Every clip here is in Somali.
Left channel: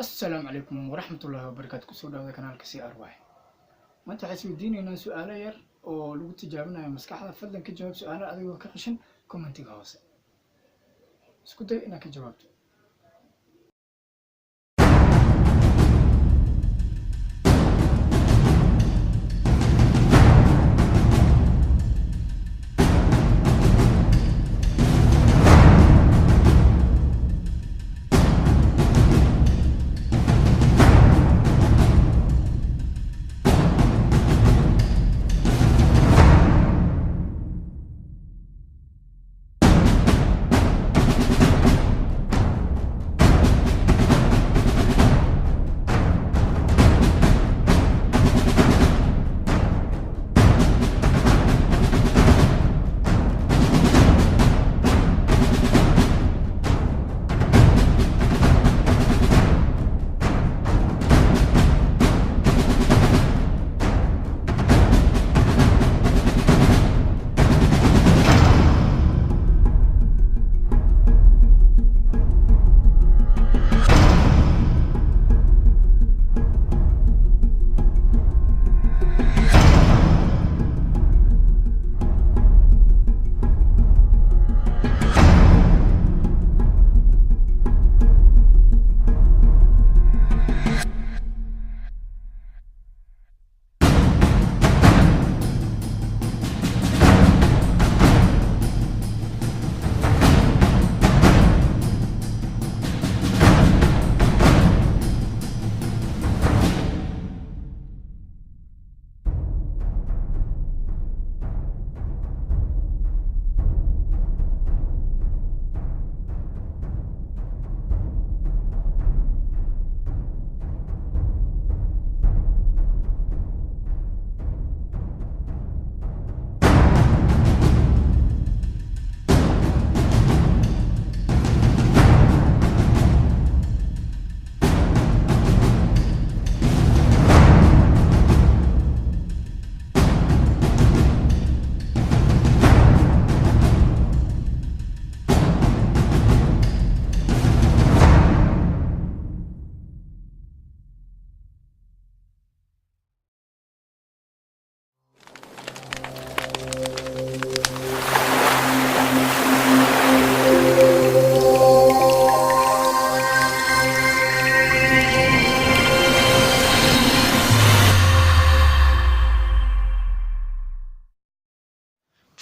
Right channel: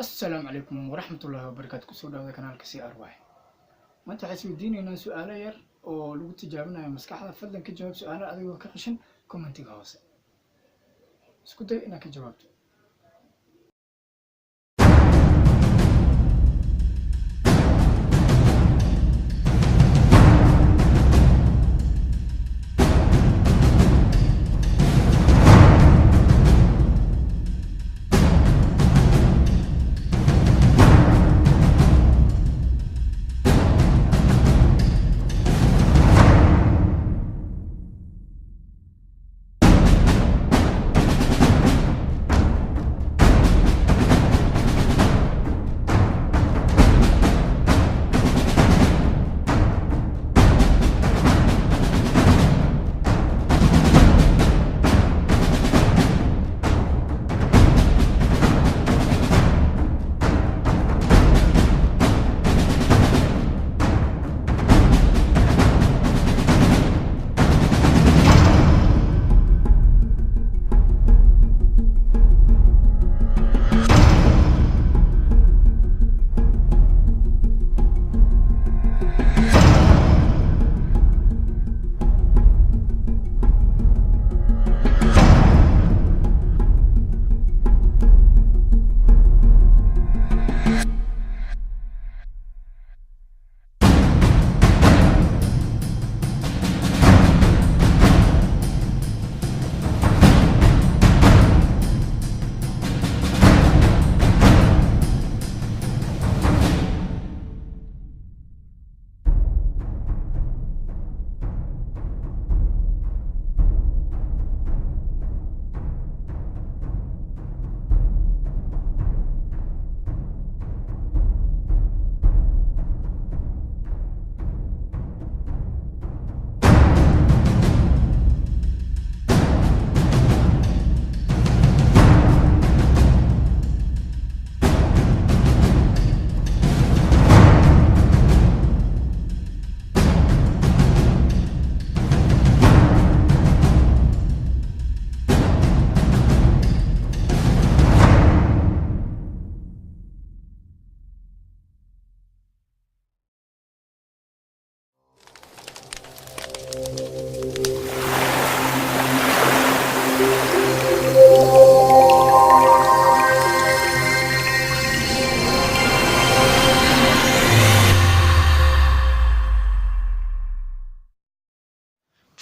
السلام عليكم ورحمة الله وبركاته. كسو داودا كانالك سي أرواح. ما أنت حاسبينينا سؤال ير oo lagu tijaabinayo maskaxda fadlan ka jawaab su'aalaha adigoo ka qashin commentiga hoose isku day inaad ka jawaabto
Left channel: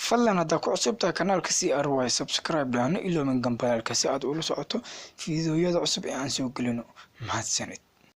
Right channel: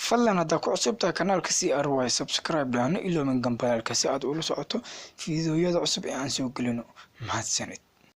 fadlan hadda ku cusubtaa kanaalka CRY subscribe dhaano ilo min gambalaalka si aad ula socoto fiidiyoyada cusub ee aan soo gelino mahadsanid